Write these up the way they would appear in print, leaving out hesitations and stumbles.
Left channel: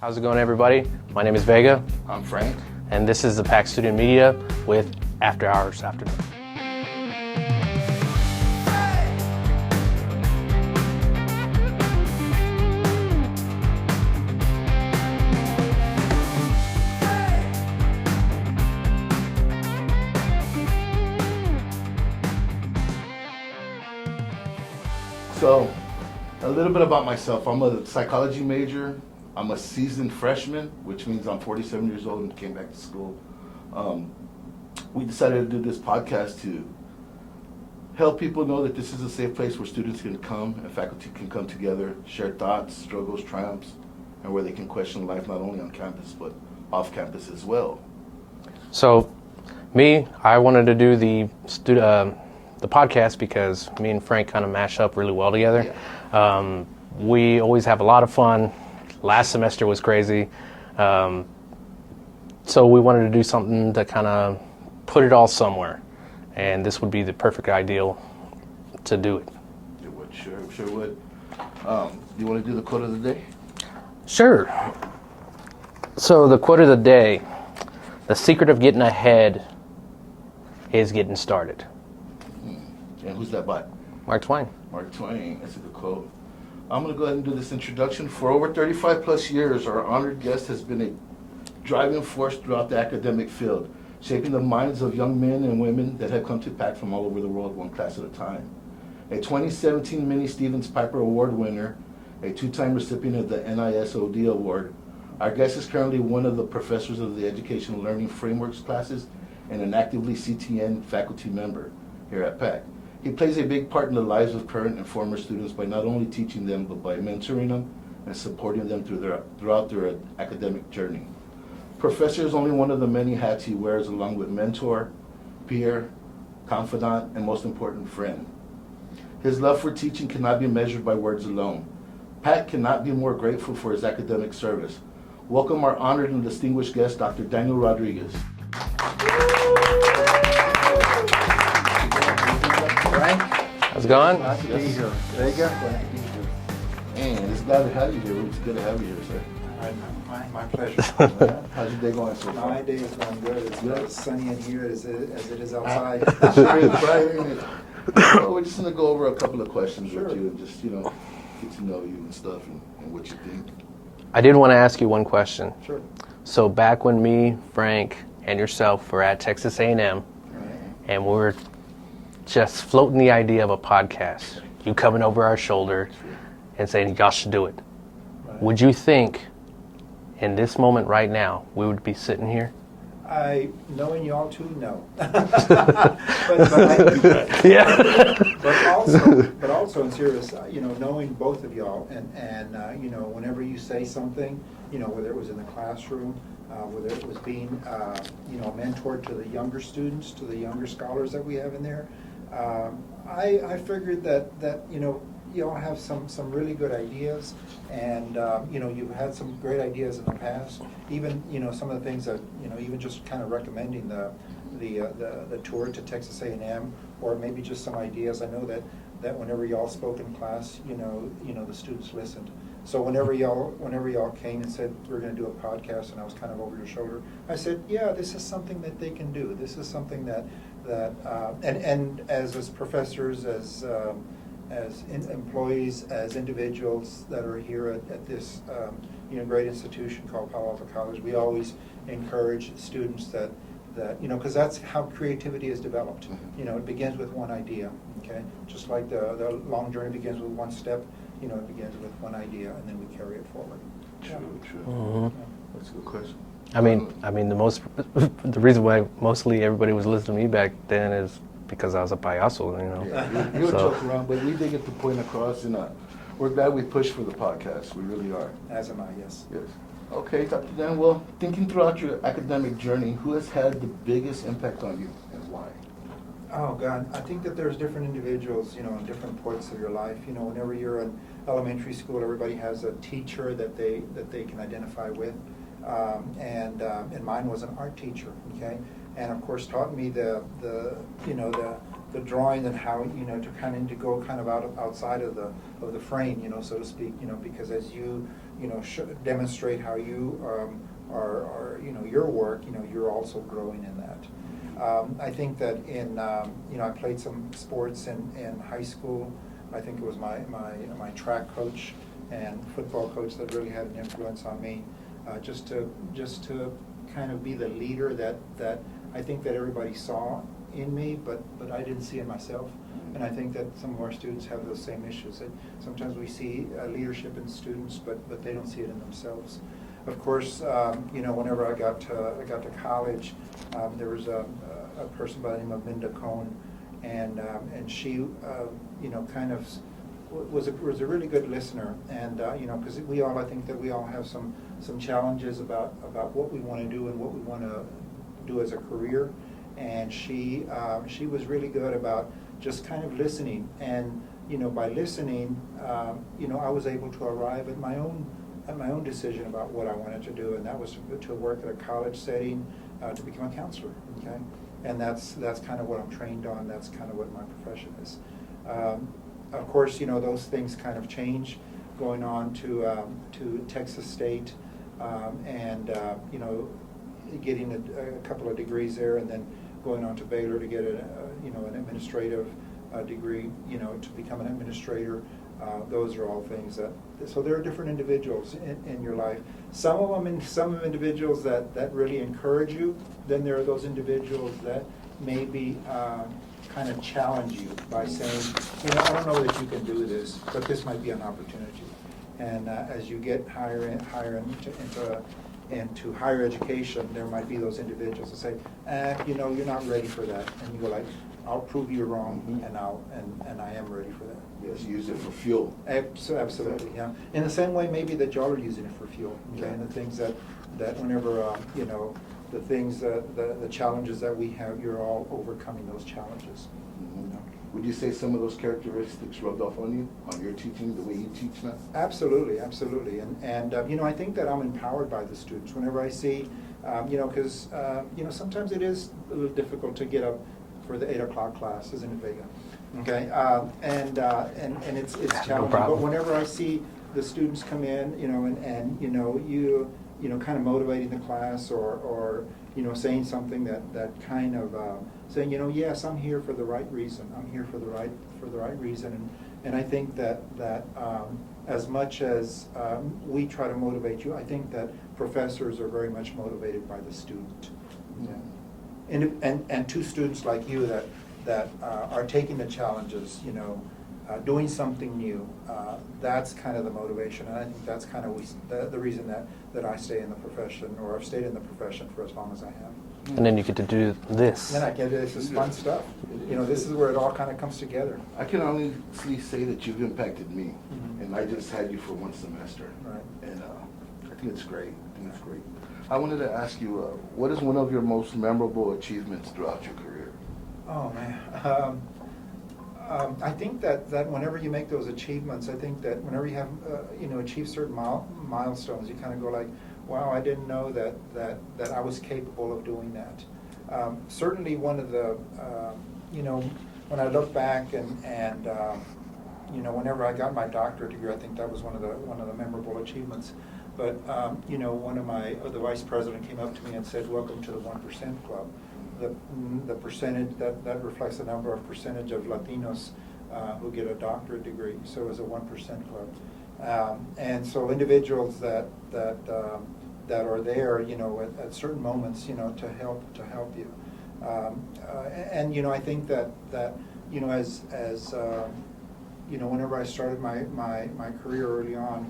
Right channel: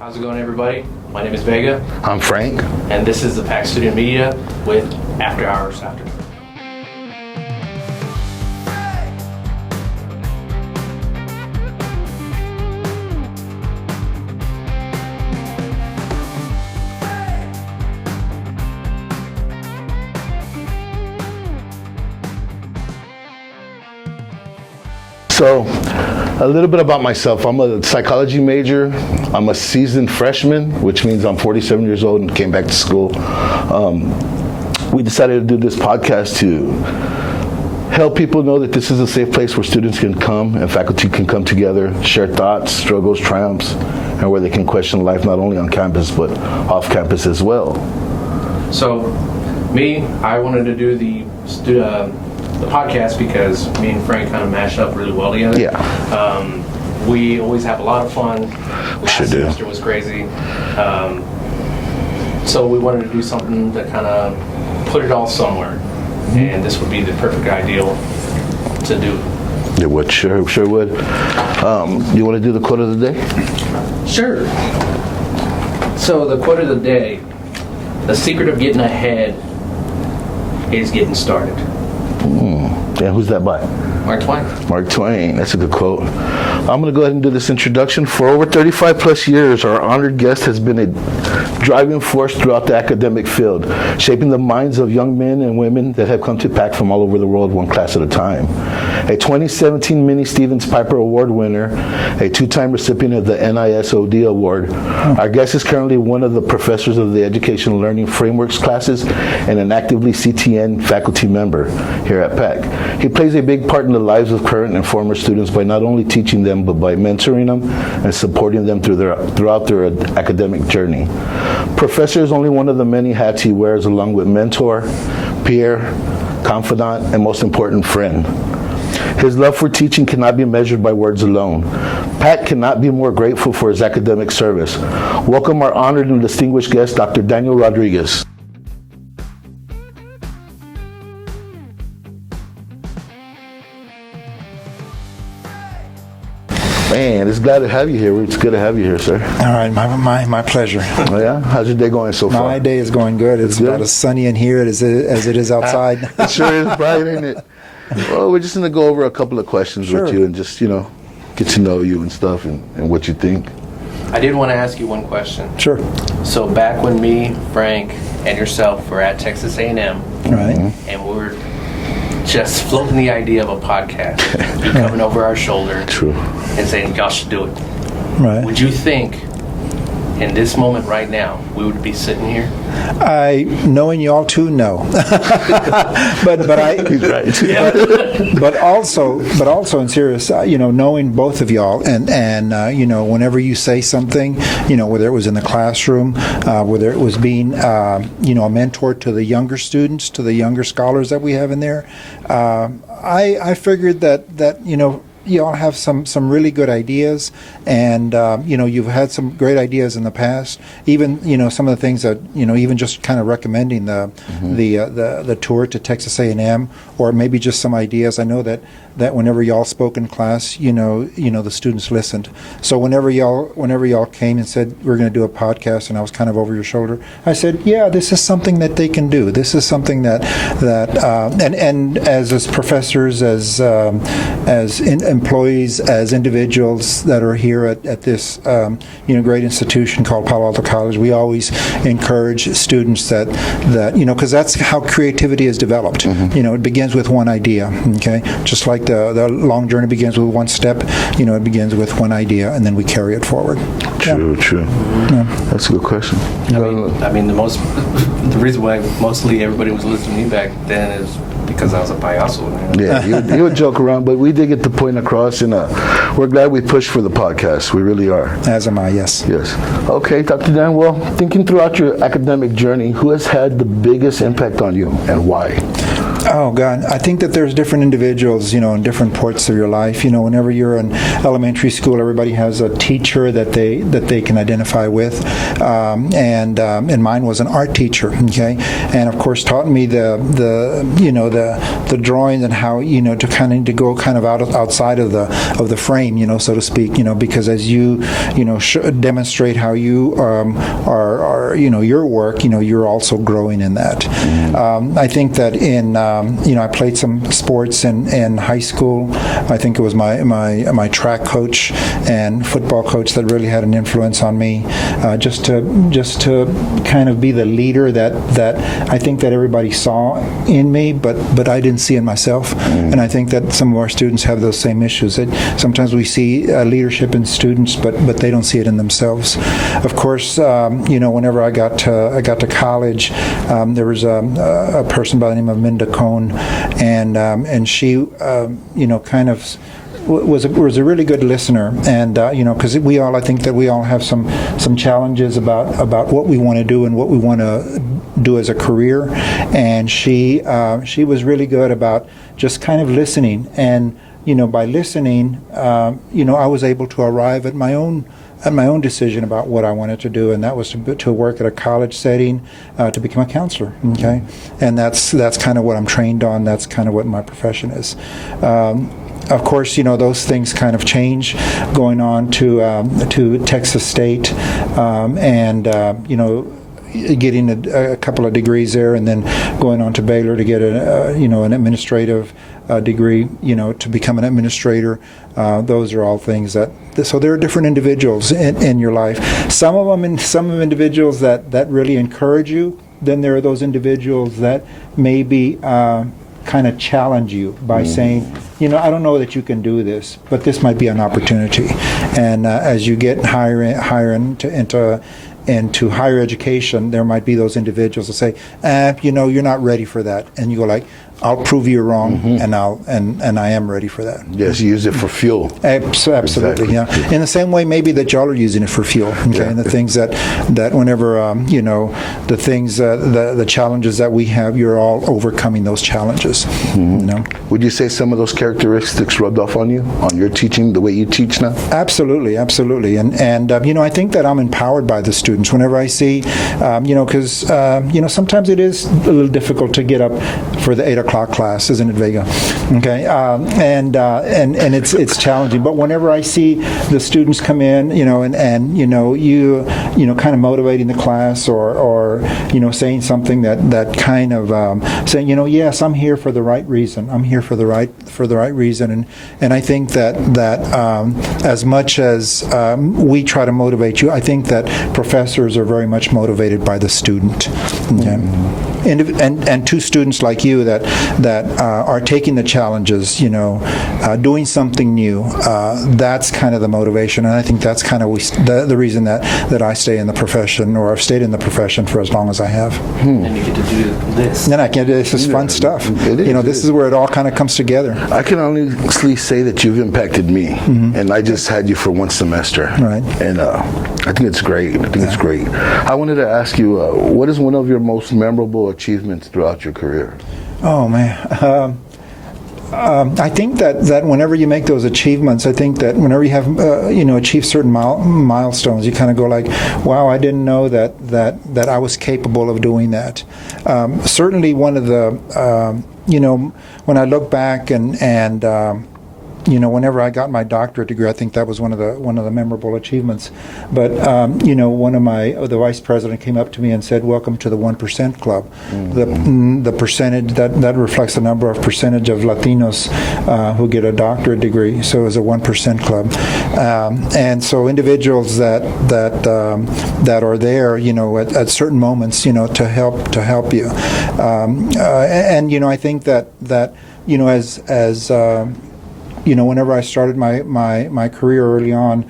How's it going, everybody? My name is Vega. I'm Frank. And this is the PAC Student Media with After Hours After. So, a little bit about myself. I'm a psychology major. I'm a seasoned freshman, which means I'm 47 years old and came back to school. We decided to do this podcast to help people know that this is a safe place where students can come and faculty can come together, share thoughts, struggles, triumphs, and where they can question life not only on campus but off campus as well. So, I wanted to do the podcast because me and Frank kind of mashed up really well together. Yeah. We always have a lot of fun. Last semester was crazy. So we wanted to do something to kind of put it all somewhere. And this would be the perfect ideal to do. It would, sure would. You want to do the quote of the day? Sure. So the quote of the day, the secret of getting ahead is getting started. Yeah, who's that by? Mark Twain. Mark Twain, that's a good quote. I'm going to go ahead and do this introduction. For over 35 plus years, our honored guest has been a driving force throughout the academic field, shaping the minds of young men and women that have come to PAC from all over the world, one class at a time. A 2017 Minnie Stevens Piper Award winner, a two-time recipient of the NISOD Award. Our guest is currently one of the professors of the Educational Learning Frameworks classes and an actively CTN faculty member here at PAC. He plays a big part in the lives of current and former students by not only teaching them, but by mentoring them and supporting them throughout their academic journey. Professor is only one of the many hats he wears, along with mentor, peer, confidant, and most important, friend. His love for teaching cannot be measured by words alone. PAC cannot be more grateful for his academic service. Welcome our honored and distinguished guest, Dr. Daniel Rodriguez. How's it going? Man, it's glad to have you here. It's good to have you here, sir. All right, my pleasure. Oh, yeah? How's your day going so far? My day is going good. It's about as sunny in here as it is outside. It sure is bright, ain't it? Well, we're just going to go over a couple of questions with you and just, get to know you and stuff and what you think. I did want to ask you one question. Sure. So back when me, Frank, and yourself were at Texas A&M, Right. and we were just floating the idea of a podcast, you coming over our shoulder True. and saying, y'all should do it. Right. Would you think, in this moment right now, we would be sitting here? Knowing y'all too, no. but also in serious, knowing both of y'all and whenever you say something, whether it was in the classroom, whether it was being a mentor to the younger students, to the younger scholars that we have in there, I figured that you all have some really good ideas, and you've had some great ideas in the past. Even some of the things that even just kind of recommending the tour to Texas A&M, or maybe just some ideas. I know that whenever y'all spoke in class, the students listened. So whenever y'all came and said we're going to do a podcast, and I was kind of over your shoulder, I said, yeah, this is something that they can do. This is something that and as professors, as employees, as individuals that are here at this great institution called Palo Alto College, we always encourage students that because that's how creativity is developed. It begins with one idea. Okay, just like the long journey begins with one step, it begins with one idea, and then we carry it forward. True. Yeah. That's a good question. I mean, the reason why mostly everybody was listening to me back then is because I was a payaso. Yeah, you would joke around, but we did get the point across, and we're glad we pushed for the podcast. We really are. As am I, yes. Yes. Okay, Dr. Dan, well, thinking throughout your academic journey, who has had the biggest impact on you and why? Oh God, I think that there's different individuals, in different parts of your life. Whenever you're in elementary school, everybody has a teacher that they can identify with, and mine was an art teacher. Okay, and of course taught me the drawing and how to go kind of outside of the frame, so to speak. Because as you demonstrate how you are your work, you're also growing in that. I think that I played some sports in high school. I think it was my track coach and football coach that really had an influence on me, just to kind of be the leader that I think that everybody saw in me, but I didn't see in myself. And I think that some of our students have those same issues. That sometimes we see leadership in students, but they don't see it in themselves. Of course, whenever I got to college, there was a person by the name of Minda Cohn, and she kind of was a really good listener, and because I think that we all have some challenges about what we want to do and what we want to do as a career, and she was really good about just kind of listening, and by listening, I was able to arrive at my own decision about what I wanted to do, and that was to work at a college setting, to become a counselor. Okay, and that's kind of what I'm trained on. That's kind of what my profession is. Of course, those things kind of change, going on to Texas State, and getting a couple of degrees there, and then going on to Baylor to get an administrative degree, to become an administrator. Those are all things so there are different individuals in your life. Some of individuals that really encourage you. Then there are those individuals that maybe kind of challenge you by saying, I don't know that you can do this, but this might be an opportunity. And as you get higher into higher education, there might be those individuals that say, you're not ready for that, and you go like, I'll prove you wrong, and I am ready for that. Yes, use it for fuel. Absolutely, Exactly. yeah. In the same way, maybe that y'all are using it for fuel. Okay, Yeah. and the things that whenever the things the challenges that we have, you're all overcoming those challenges. Would you say some of those characteristics rubbed off on you, on your teaching, the way you teach now? Absolutely, and I think that I'm empowered by the students whenever I see, because sometimes it is a little difficult to get up for the 8 o'clock class, isn't it, Vega? Okay, and it's challenging. But whenever I see the students come in, and you kind of motivating the class, or saying something that kind of saying, yes, I'm here for the right reason. I'm here for the right reason, and I think that as much as we try to motivate you, I think that professors are very much motivated by the student. Okay. And two students like you that are taking the challenges, doing something new. That's kind of the motivation, and I think that's kind of the reason that I stay in the profession, or I've stayed in the profession for as long as I have. And then you get to do this. Then it's just fun stuff. This is where it all kind of comes together. I can honestly say that you've impacted me, and I just had you for one semester. Right. And I think it's great. It's great. I wanted to ask you, what is one of your most memorable achievements throughout your career? Oh man, I think that whenever you make those achievements, I think that whenever you have achieved certain milestones, you kind of go like, wow, I didn't know that I was capable of doing that. Certainly, one of the when I look back and whenever I got my doctorate degree, I think that was one of the memorable achievements. But one of the vice president came up to me and said, "Welcome to the 1% Club." The percentage that reflects the percentage of Latinos who get a doctorate degree. So it was a 1% Club, and so individuals that are there, at certain moments, to help you, and I think that as whenever I started my career early on,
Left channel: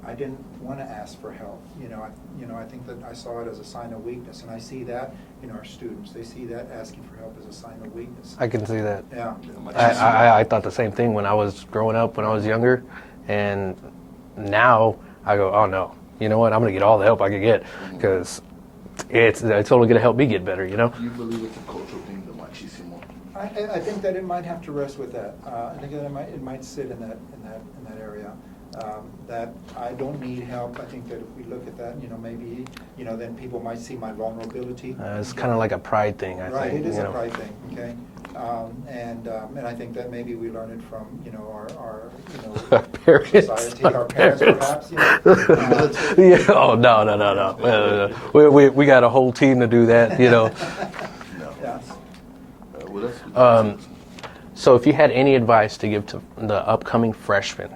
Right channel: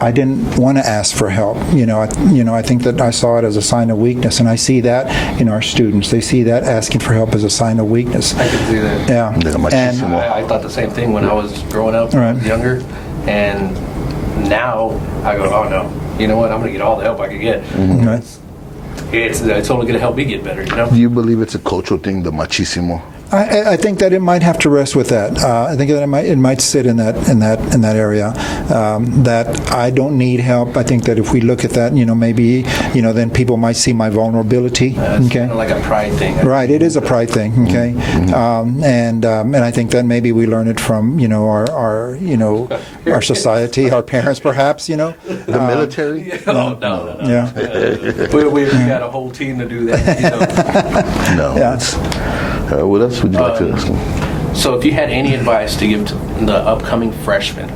I didn't want to ask for help. I think that I saw it as a sign of weakness, and I see that in our students. They see that asking for help as a sign of weakness. I can see that. Yeah. And I thought the same thing when I was growing up, when I was younger, and now I go, oh no, you know what? I'm going to get all the help I can get, because it's only going to help me get better. Do you believe it's a cultural thing, the machismo? I think that it might have to rest with that. I think that it might sit in that area. That I don't need help. I think that if we look at that, maybe then people might see my vulnerability. It's kind of like a pride thing. Right. It is a pride thing. Okay. And I think that maybe we learn it from our society, our parents, perhaps. Yeah. Oh no. We got a whole team to do that. No. Yeah. What else would you like to ask? So if you had any advice to give to the upcoming freshmen,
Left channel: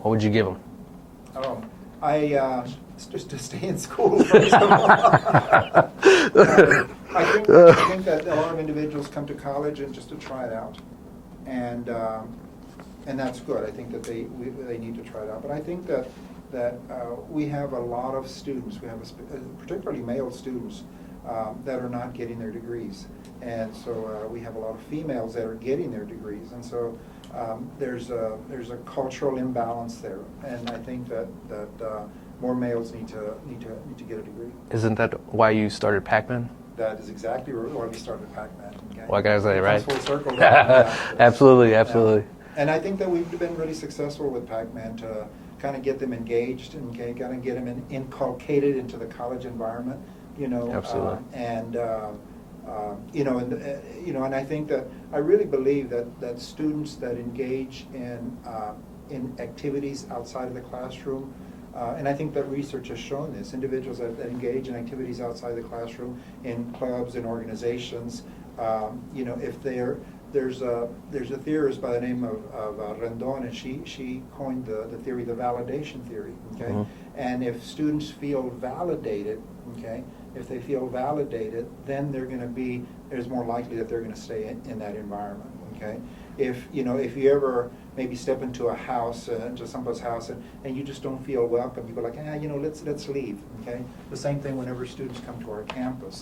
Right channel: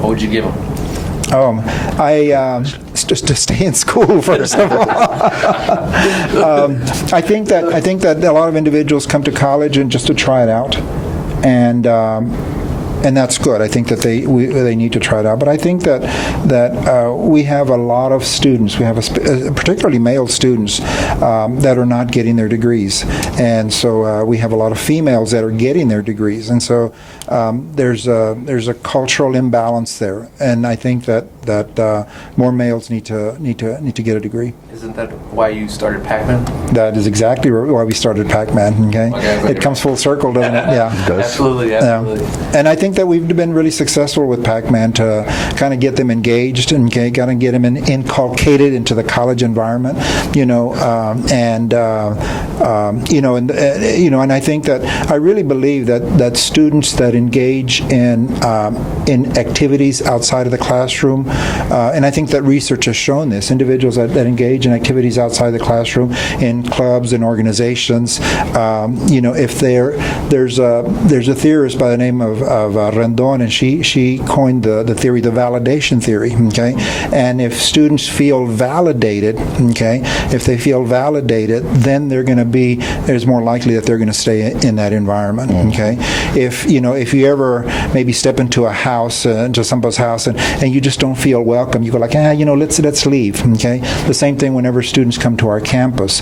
what would you give them? Just to stay in school, first of all. I think that a lot of individuals come to college and just to try it out, and that's good. I think that they need to try it out. But I think that we have a lot of students. We have particularly male students that are not getting their degrees, and so we have a lot of females that are getting their degrees, and so there's a cultural imbalance there. And I think that more males need to get a degree. Isn't that why you started PAC-Man? That is exactly why we started PAC-Man. Okay, it comes full circle, doesn't it? Yeah. Absolutely. And I think that we've been really successful with PAC-Man to kind of get them engaged and kind of get them inculcated into the college environment, and I think that I really believe that students that engage in activities outside of the classroom, and I think that research has shown this, individuals that engage in activities outside the classroom, in clubs and organizations, if there's a theorist by the name of Rendon, and she coined the theory, the validation theory. Okay, and if students feel validated, if they feel validated, then there's more likely that they're going to stay in that environment. Okay, if you ever maybe step into a house, into somebody's house, and you just don't feel welcome, you go like, let's leave. Okay, the same thing whenever students come to our campus,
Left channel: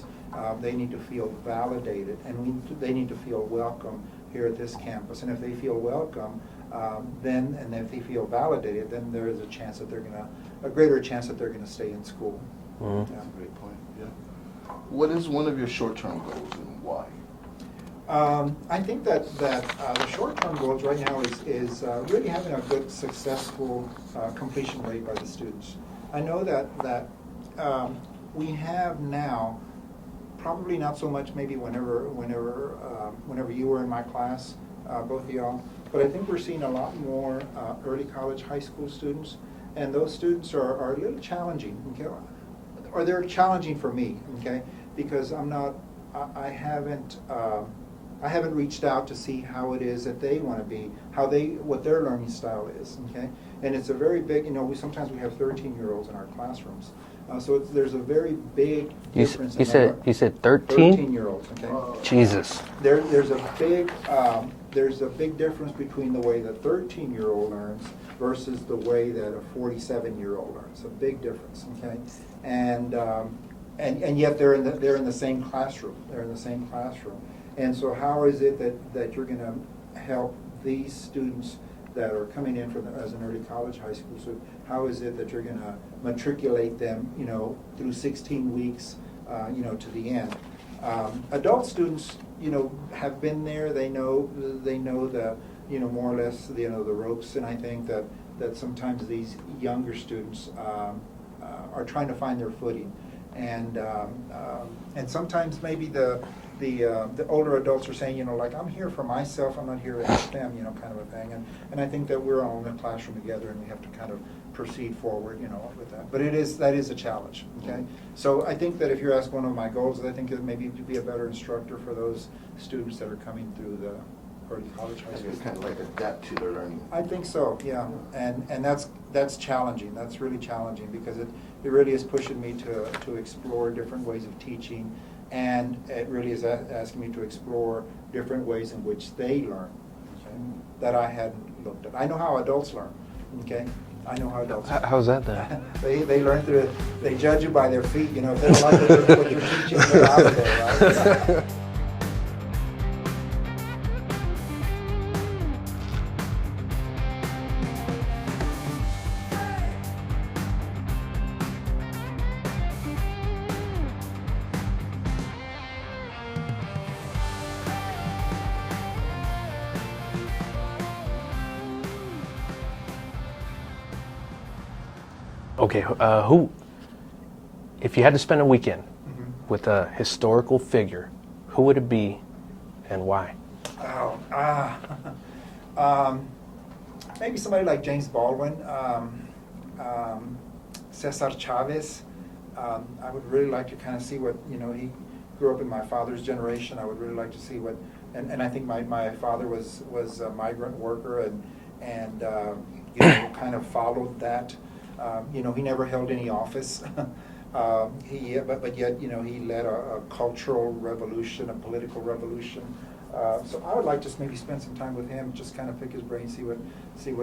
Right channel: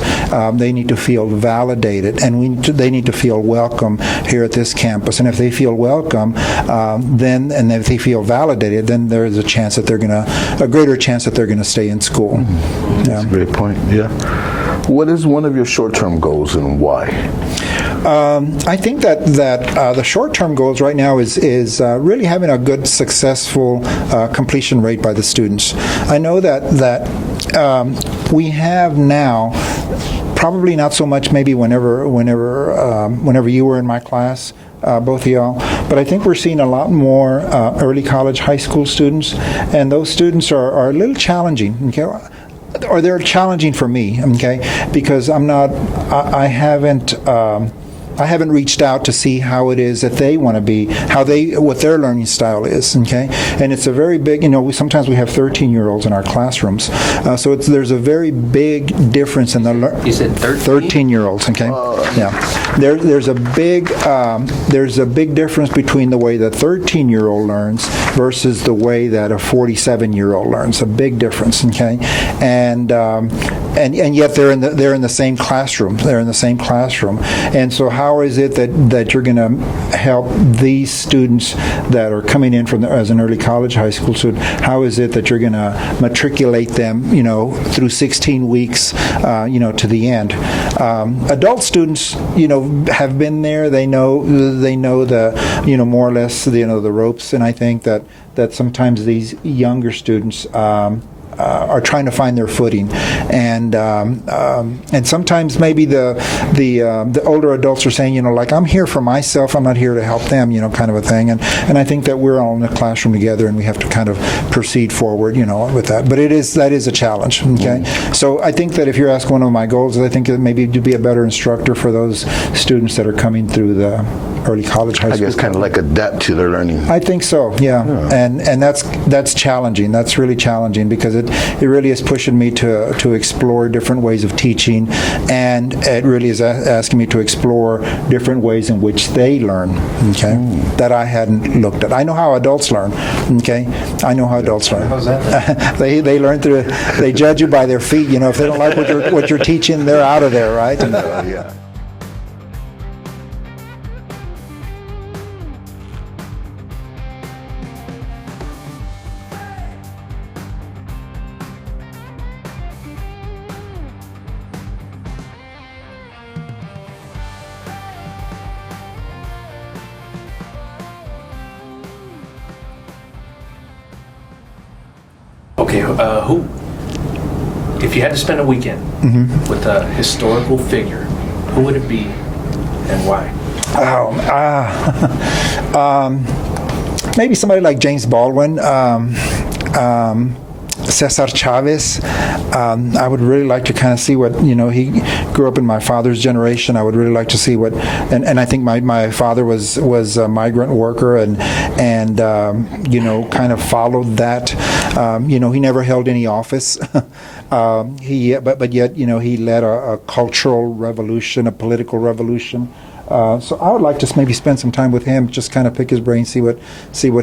they need to feel validated, and they need to feel welcome here at this campus. And if they feel welcome, and if they feel validated, then there is a greater chance that they're going to stay in school. That's a great point. Yeah. What is one of your short-term goals and why? I think that the short-term goals right now is really having a good, successful completion rate by the students. I know that we have now, probably not so much maybe whenever you were in my class, both of y'all, but I think we're seeing a lot more early college, high school students, and those students are a little challenging. Okay, or they're challenging for me. Okay, because I haven't reached out to see how it is that they want to be, what their learning style is. Okay, and it's a very big. Sometimes we have 13-year-olds in our classrooms, so there's a very big difference in You said 13-year-olds. Okay, yeah. There's a big difference between the way the 13-year-old learns versus the way that a 47-year-old learns. A big difference. Okay, and yet they're in the same classroom. They're in the same classroom, and so how is it that you're going to help these students that are coming in as an early college, high school student? How is it that you're going to matriculate them, through 16 weeks, to the end? Adult students, have been there. They know the, more or less, the ropes. And I think that sometimes these younger students are trying to find their footing, and sometimes maybe the older adults are saying, like, I'm here for myself, I'm not here to help them, kind of a thing, and I think that we're all in the classroom together, and we have to kind of proceed forward, with that. But that is a challenge. Okay, so I think that if you're asking one of my goals, I think that maybe to be a better instructor for those students that are coming through the early college, high school. I guess kind of like adapt to their learning. I think so. Yeah. And that's challenging. That's really challenging because it really is pushing me to explore different ways of teaching, and it really is asking me to explore different ways in which they learn. Okay, that I hadn't looked at. I know how adults learn. Okay, I know how adults learn. How's that? They learn through. They judge you by their feet. If they don't like what you're teaching, they're out of there, right? Yeah. Okay, who? If you had to spend a weekend with a historical figure, who would it be, and why? Maybe somebody like James Baldwin. Cesar Chavez. I would really like to kind of see what, he grew up in my father's generation. I would really like to see what, and I think my father was a migrant worker and kind of followed that. He never held any office. But yet, he led a cultural revolution, a political revolution. So I would like to maybe spend some time with him, just kind of pick his brain, see what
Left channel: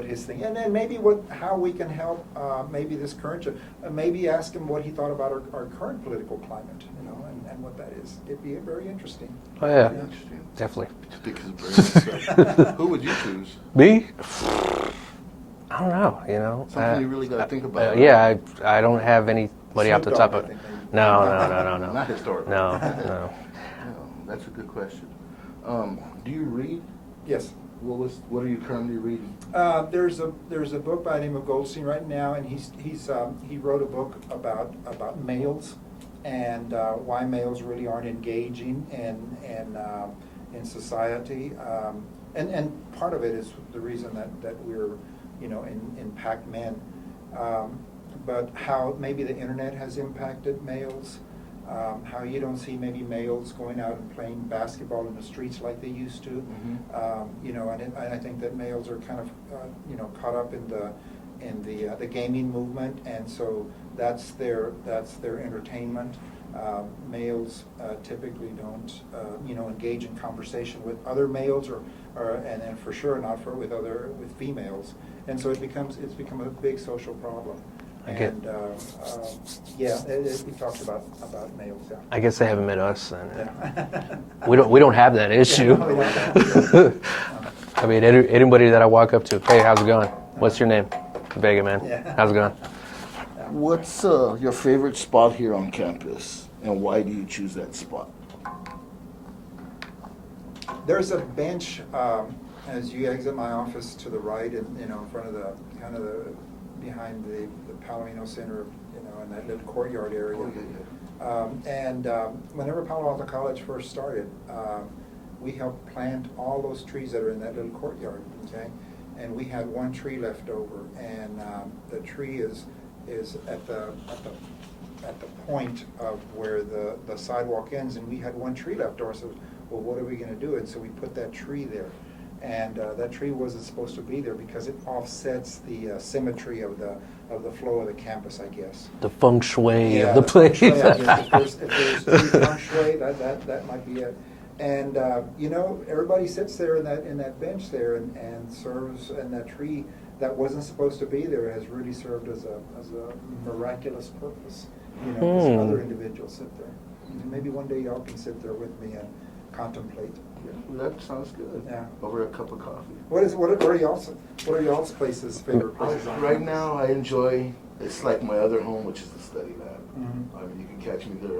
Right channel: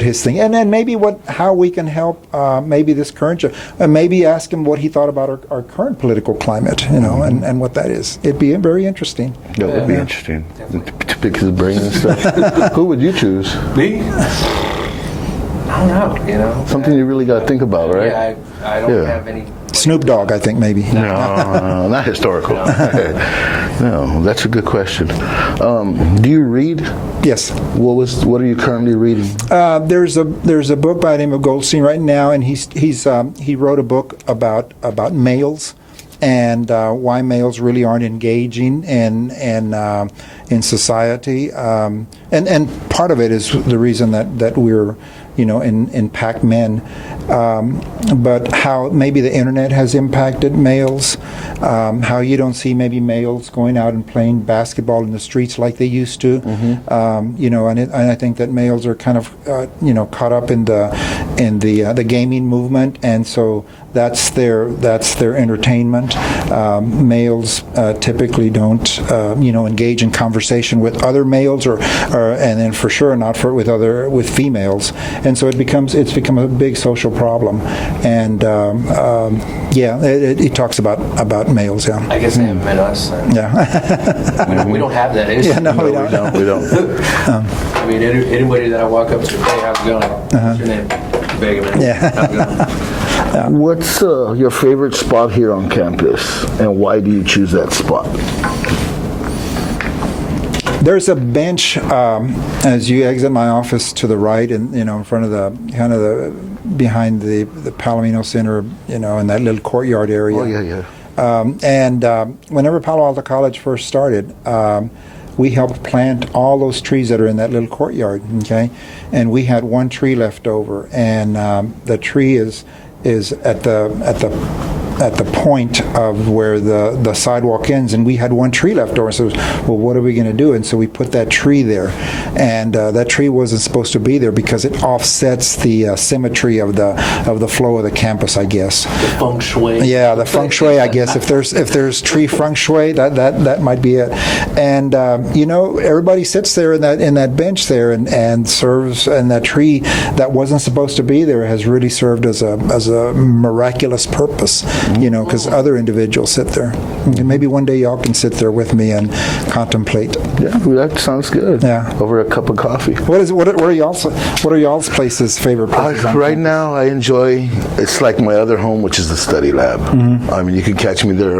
his thing, and then maybe how we can help maybe this current, and maybe ask him what he thought about our current political climate, and what that is. It'd be very interesting. That would be interesting. Definitely. To pick his brain and stuff. Who would you choose? Me? I don't know. Something you really got to think about, right? Yeah, I don't have any. Snoop Dogg, I think, maybe. No, not historical. No, that's a good question. Do you read? Yes. What are you currently reading? There's a book by the name of Goldstein right now, and he wrote a book about males and why males really aren't engaging in society, and part of it is the reason that we're in PAC men. But how maybe the internet has impacted males, how you don't see maybe males going out and playing basketball in the streets like they used to, and I think that males are kind of caught up in the gaming movement, and so that's their entertainment. Males typically don't engage in conversation with other males, or and then for sure not with females, and so it's become a big social problem, and it talks about males. Yeah, I guess they haven't met us. yeah. We don't have that issue. No, we don't. We don't. I mean, anybody that I walk up to, hey, how's it going? What's your name? Vega, man. Yeah. How's it going? What's your favorite spot here on campus, and why do you choose that spot? There's a bench as you exit my office to the right, and in front of the behind the Palomino Center, in that little courtyard area. Oh yeah. And whenever Palo Alto College first started, we helped plant all those trees that are in that little courtyard. Okay, and we had one tree left over, and the tree is at the point of where the sidewalk ends, and we had one tree left over. So, well, what are we going to do? And so we put that tree there, and that tree wasn't supposed to be there because it offsets the symmetry of the flow of the campus, I guess. The feng shui. Yeah, the feng shui, I guess. If there's tree feng shui, that might be it. And everybody sits there in that bench there and serves. And that tree that wasn't supposed to be there has really served as a miraculous purpose. Because other individuals sit there. And maybe one day y'all can sit there with me and contemplate. Yeah, that sounds good. Yeah. Over a cup of coffee. What are y'all's places, favorite places? Right now, I enjoy. It's like my other home, which is the study lab. Mm-hmm. I mean, you can catch me there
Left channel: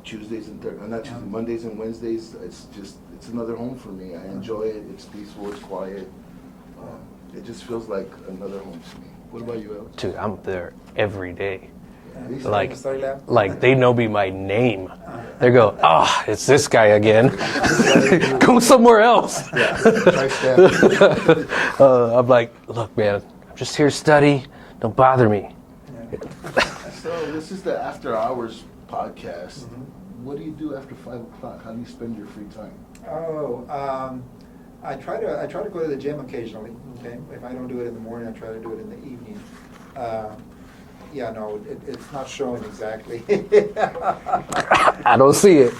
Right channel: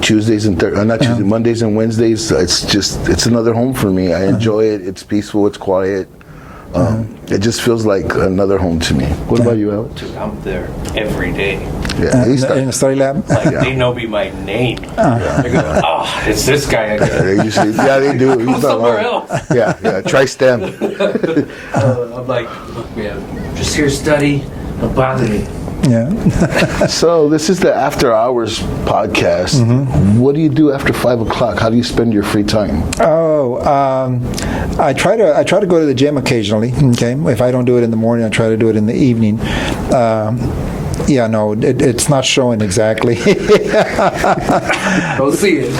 Tuesdays and not Tuesdays, Mondays and Wednesdays. It's another home for me. I enjoy it. It's peaceful. It's quiet. It just feels like another home to me. What about you, Alex? Dude, I'm there every day. Yeah, in the study lab? They know me by name. They're going, oh, it's this guy again. They do. Go somewhere else. Yeah, try STEM. I'm like, look, man, just here study. Don't bother me. Yeah. So this is the After Hours podcast. Mm-hmm. What do you do after 5 o'clock? How do you spend your free time? I try to go to the gym occasionally. Okay, if I don't do it in the morning, I try to do it in the evening. It's not showing exactly. I don't see it.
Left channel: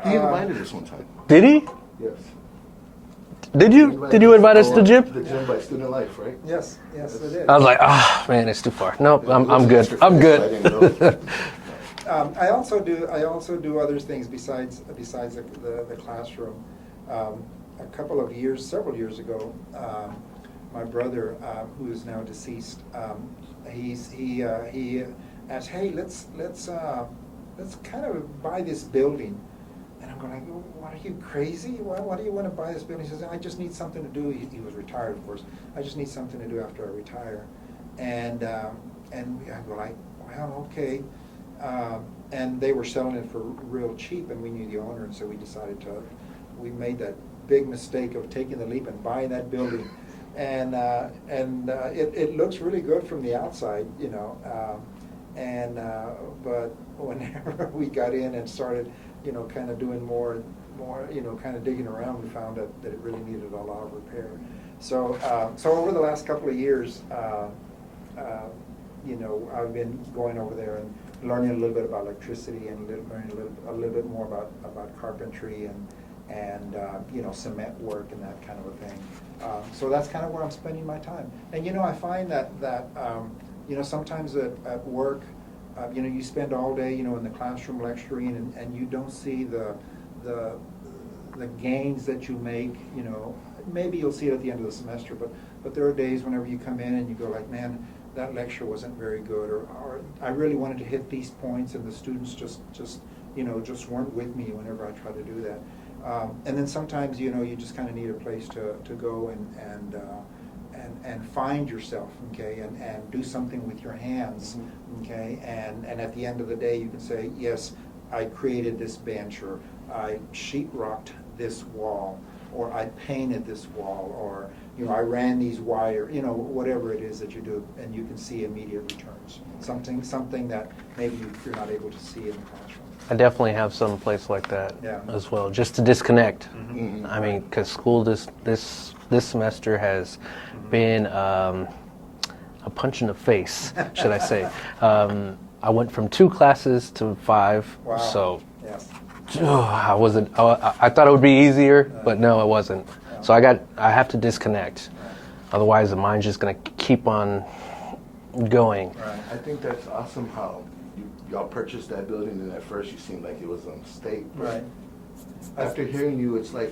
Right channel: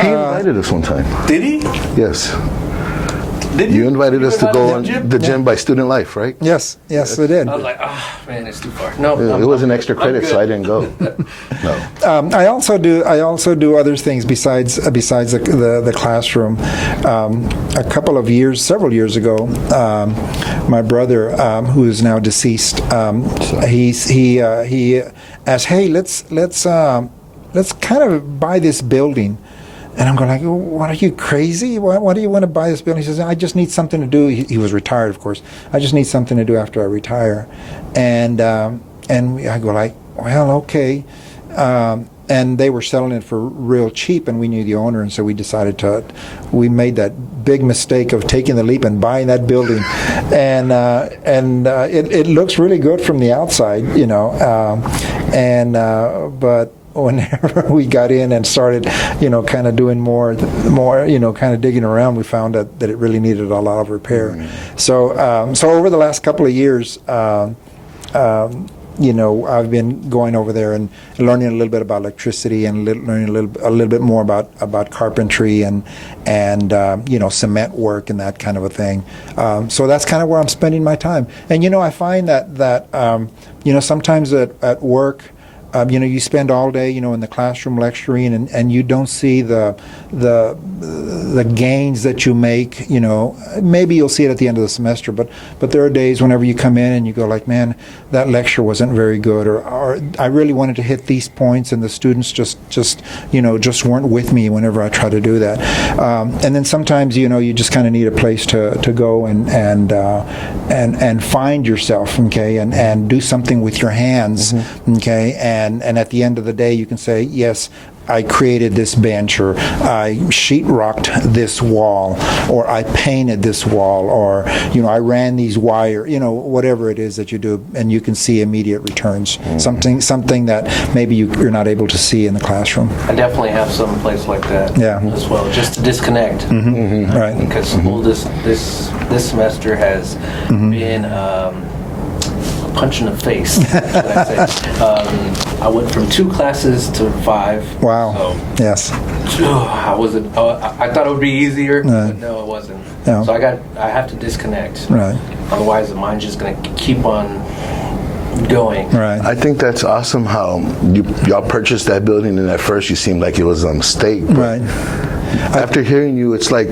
He invited us one time. Did he? Yes. Did you invite us to to the gym? The gym by Student Life, right? Yes, we did. I was like, man, it's too far. No, it was I'm an good. extra I'm credit, good. so I didn't go. No. I also do other things besides the classroom. Several years ago, my brother, who is now deceased, he asked, hey, let's kind of buy this building And I'm going like, what, are you crazy? Why do you want to buy this building? He says, I just need something to do. He was retired, of course. I just need something to do after I retire. And I go like, well, okay. And they were selling it for real cheap, and we knew the owner, and so we we made that big mistake of taking the leap and buying that building. And it looks really good from the outside, but whenever we got in and started, kind of doing more, kind of digging around, we found that it really needed a lot of repair. Mm-hmm. So over the last couple of years, I've been going over there and learning a little bit about electricity and learning a little bit more about carpentry and cement work and that kind of a thing. So that's kind of where I'm spending my time. And I find that sometimes at work, you spend all day, in the classroom lecturing, and you don't see the gains that you make. Maybe you'll see it at the end of the semester, but there are days whenever you come in and you go like, man, that lecture wasn't very good, or I really wanted to hit these points, and the students just weren't with me whenever I try to do that. And then sometimes, you just kind of need a place to go and find yourself, okay, and do something with your hands, mm-hmm. okay. And at the end of the day, you can say, yes, I created this bench, or I sheetrocked this wall, or I painted this wall, or I ran these wire, whatever it is that you do, and you can see immediate returns. Mm-hmm. Something that maybe you're not able to see in the classroom. I definitely have some place like that as well, just to disconnect. Mm-hmm. Mm-hmm. Right. Because school this semester has mm-hmm. been punch in the face, should I say. I went from 2 classes to 5. Wow. So, yes. I thought it would be easier, but no, it wasn't. Yeah. So I have to disconnect. Right. Otherwise, the mind's just going to keep on going. Right. I think that's awesome how y'all purchased that building, and at first you seemed like it was a mistake. Right. After hearing you, it's like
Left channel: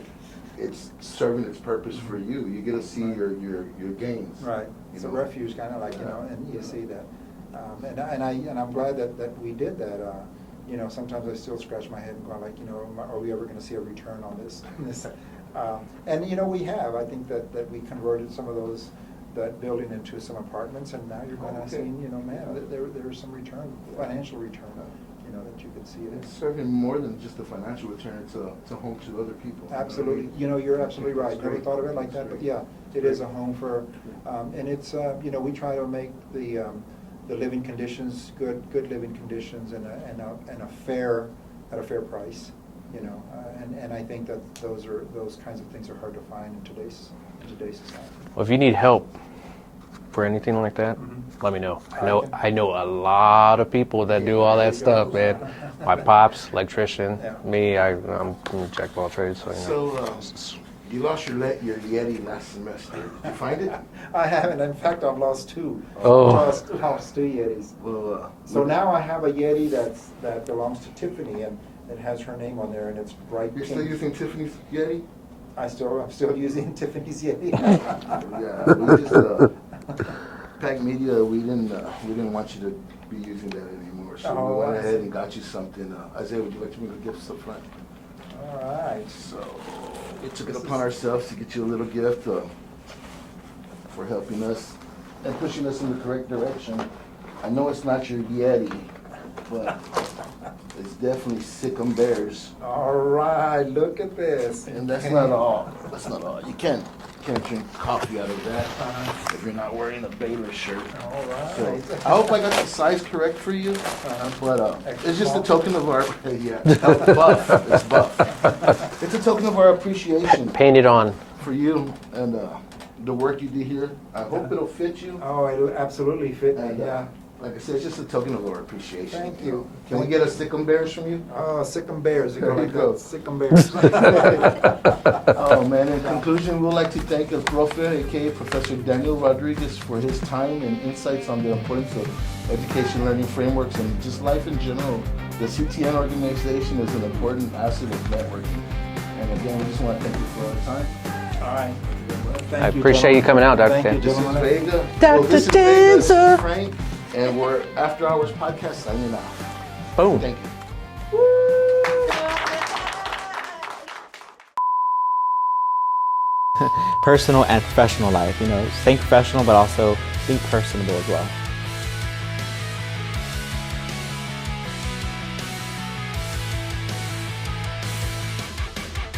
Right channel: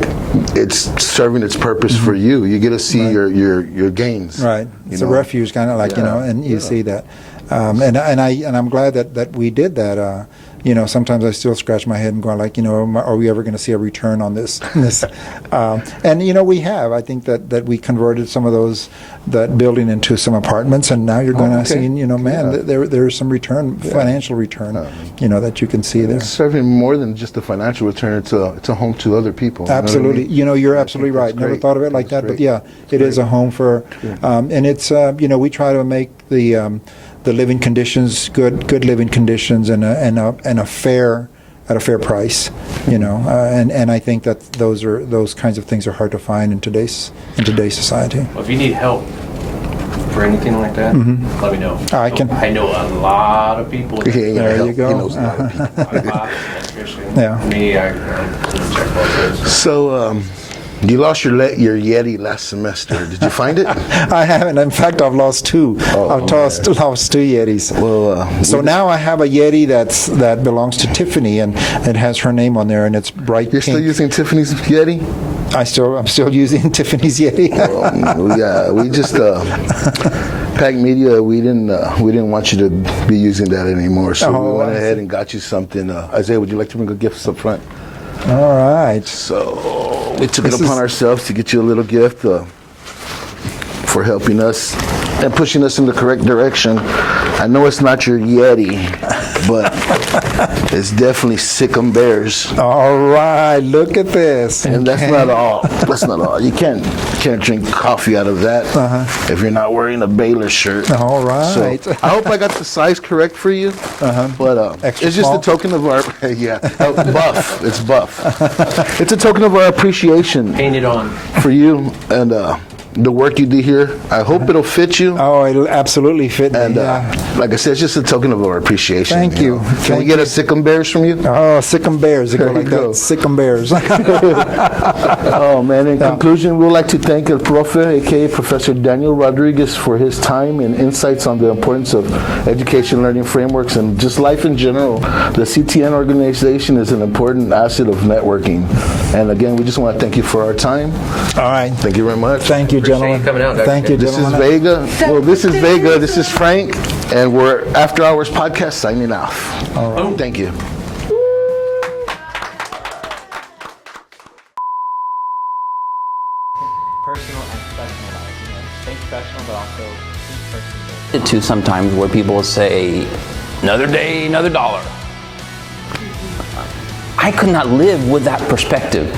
it's serving its purpose mm-hmm. for you. You get to see right. your gains. Right. It's a refuge, kind of like and you see that, and I'm glad that we did that. Sometimes I still scratch my head and go like, are we ever going to see a return on this? And we have. I think that we converted some of that building into some apartments, and now you're going to see, there's some return, financial return, that you can see there. It's serving more than just a financial return. It's a home to other people. Absolutely. You're absolutely right. Never thought of it like that, but yeah, it is a home for, and it's, we try to make the living conditions good living conditions and a fair at a fair price, and I think that those kinds of things are hard to find in today's society. Well, if you need help for anything like that, mm-hmm. let me know. I know a lot of people that do that. There you go. My pops, electrician. Yeah. Me, I'm check both those. So. You lost your Yeti last semester. Did you find it? I haven't. In fact, I've lost 2. I've lost 2 Yetis. Well, so now I have a Yeti that belongs to Tiffany, and it has her name on there, and it's bright You're pink. Still using Tiffany's Yeti? I'm still using Tiffany's Yeti. Yeah, we just PAC Media. We didn't want you to be using that anymore, so we went ahead and got you something. Isaiah, would you like to bring a gift up front? All right. So we took it upon ourselves to get you a little gift for helping us and pushing us in the correct direction. I know it's not your Yeti, but it's definitely Sick'em Bears. All right, look at this. And that's not all. That's not all. You can't drink coffee out of that if you're not wearing a Baylor shirt. All right. So I hope I got the size correct for you. But it's just small? a token of our buff. It's buff. It's a token of our appreciation. Paint it on for you and the work you do here. I hope it'll fit you. Oh, it'll absolutely fit me. And like I said, it's just a token of our appreciation. Thank you. Can we get a Sick'em Bears from you? Oh, Sick'em Bears. It go like that. Sick'em Bears. Oh, man. In conclusion, we'd like to thank El Profe, a.k.a. Professor Daniel Rodriguez, for his time and insights on the importance of education learning frameworks and just life in general. The CTN organization is an important asset of networking. And again, we just want to thank you for our time. All right. Thank you very much. Thank you, appreciate you coming out. Thank you, This is Vega. Well, this is Vega. This is Frank. And we're After Hours Podcast signing off. All right. Thank you. personal and professional life. You know, stay professional, but also be personable as well. To sometimes where people will say, another day, another dollar. I could not live with that perspective.